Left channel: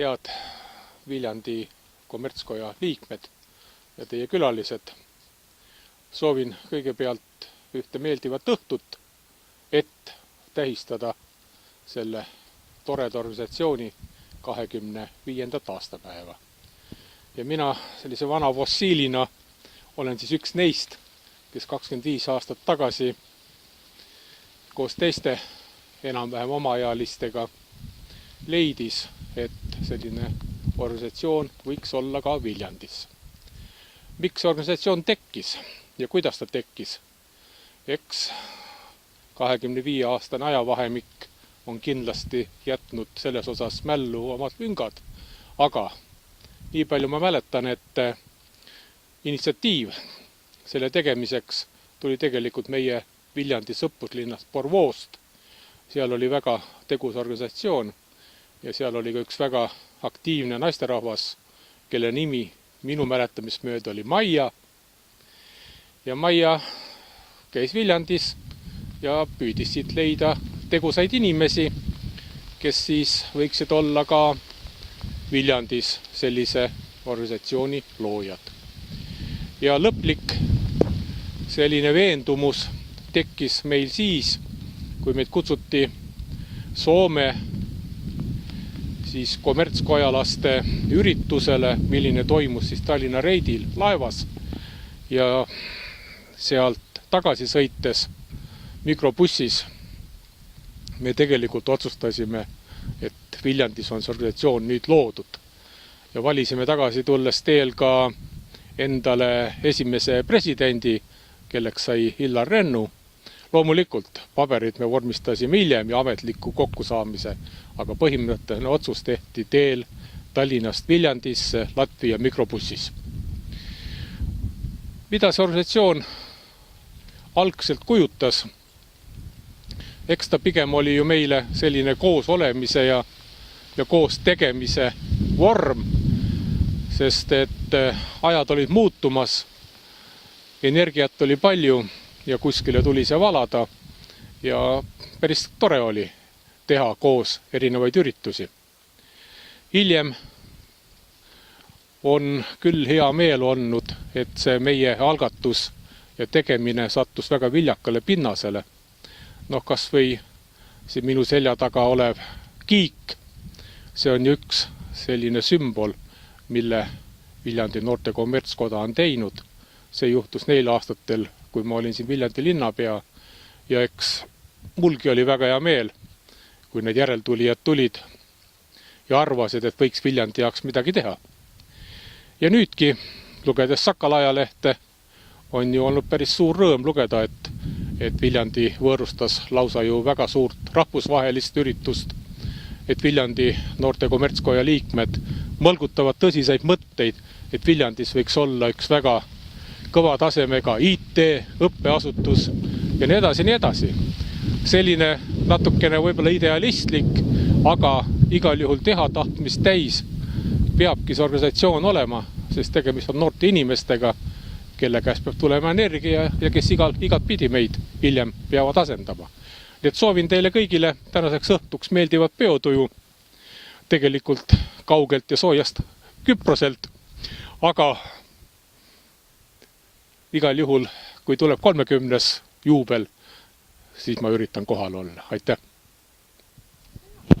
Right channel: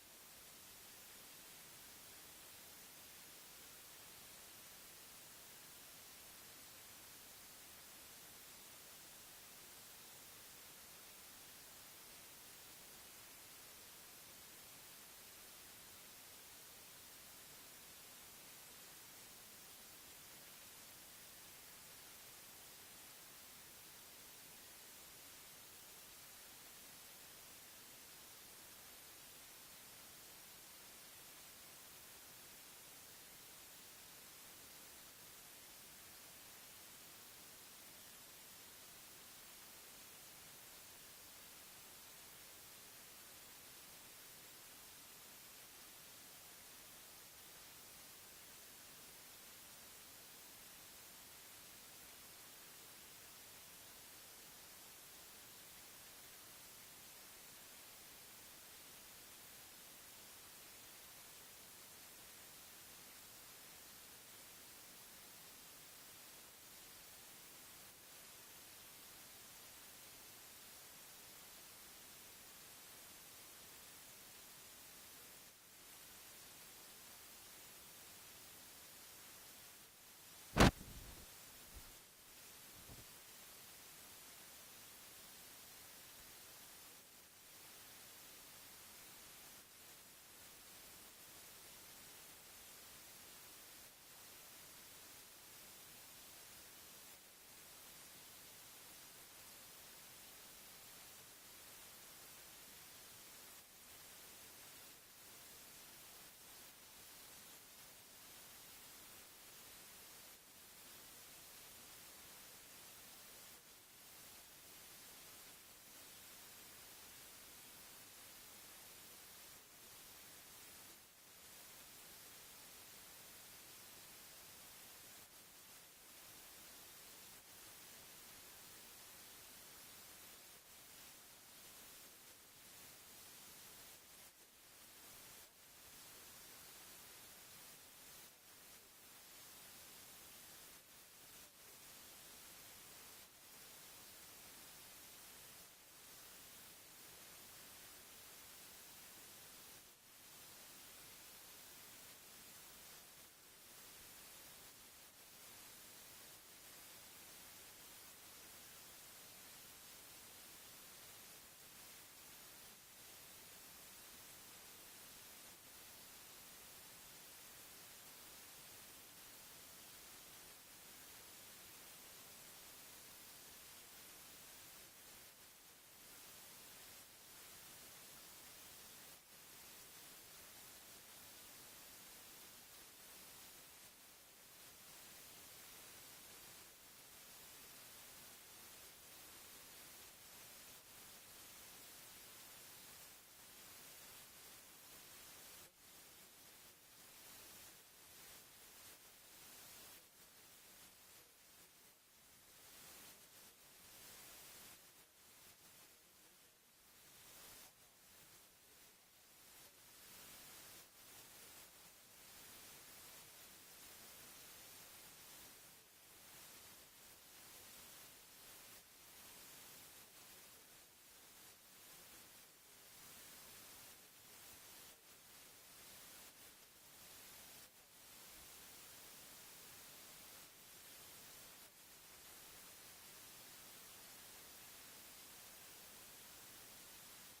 Head Viljandi kommertskoja liikmed ja teie külalised. Soovin kõigepealt ühte meeldivat õhtut, et tähistada selle toreda organisatsiooni 25. aastapäeva. Ja mina sellise vana fossiilina olen siis üks neist, kes 25 aastat tagasi koos teiste enam-vähem omaealistega leidis, et selline organisatsioon võiks olla ka Viljandis. Miks organisatsioon tekkis ja kuidas ta tekkis? Eks 25-aastane ajavahemik on kindlasti jätnud selles osas mällu omad lüngad, aga nii palju ma mäletan, et initsiatiiv selle tegemiseks tuli tegelikult meie Viljandi sõpruslinnast Porvoost. Seal oli väga tegus organisatsioon ja seal oli ka üks väga aktiivne naisterahvas, kelle nimi minu mäletamist mööda oli Maia. Ja Maia käis Viljandis ja püüdis siit leida tegusaid inimesi, kes siis võiksid olla ka Viljandis sellise organisatsiooni loojad. Ja lõplik selline veendumus tekkis meil siis, kui meid kutsuti Soome siis kommertskojalaste üritusele, milline toimus siis Tallinna reidil laevas. Ja sealt tagasi sõites mikrobussis me tegelikult otsustasime, et Viljandis on see organisatsioon nüüd loodud. Ja valisime tagasi tulles teel ka endale esimese presidendi, kelleks sai Illar Rennu. Loomulikult paberid me vormistasime hiljem ja ametliku kokkusaamise, aga põhimõtteline otsus tehti teel Tallinnast Viljandisse Latvia mikrobussis. Mida see organisatsioon algselt kujutas? Eks ta pigem oli ju meile selline koos olemise ja koos tegemise vorm, sest et ajad olid muutumas, energiat oli palju ja kuskile tuli see valada ja päris tore oli teha koos erinevaid üritusi. Hiljem on küll hea meel olnud, et see meie algatus ja tegemine sattus väga viljakale pinnasele. Kas või see minu selja taga olev kiik, see on üks selline sümbol, mille Viljandi noorte kommertskoda on teinud. See juhtus neil aastatel, kui ma olin siin Viljandi linnapea ja eks mulgi oli väga hea meel, kui need järeltulijad tulid ja arvasid, et võiks Viljandi jaoks midagi teha. Ja nüüdki, lugedes Sakala ajalehte, on ju olnud päris suur rõõm lugeda, et Viljandi võõrustas lausa ju väga suurt rahvusvahelist üritust, et Viljandi noorte kommertskoja liikmed mõlgutavad tõsiseid mõtteid, et Viljandis võiks olla üks väga kõva tasemega IT, õppeasutus ja nii edasi, nii edasi. Selline natukene võib-olla idealistlik, aga igal juhul teha tahtmist täis peabki see organisatsioon olema, sest tegemist on noorte inimestega, kelle käest peab tulema energia ja kes igat pidi meid hiljem peavad asendama. Nii et soovin teile kõigile tänaseks õhtuks meeldivat peotuju, tegelikult kaugelt ja soojast Küproselt, aga igal juhul, kui tuleb 30. juubel, siis ma üritan kohal olla. Aitäh!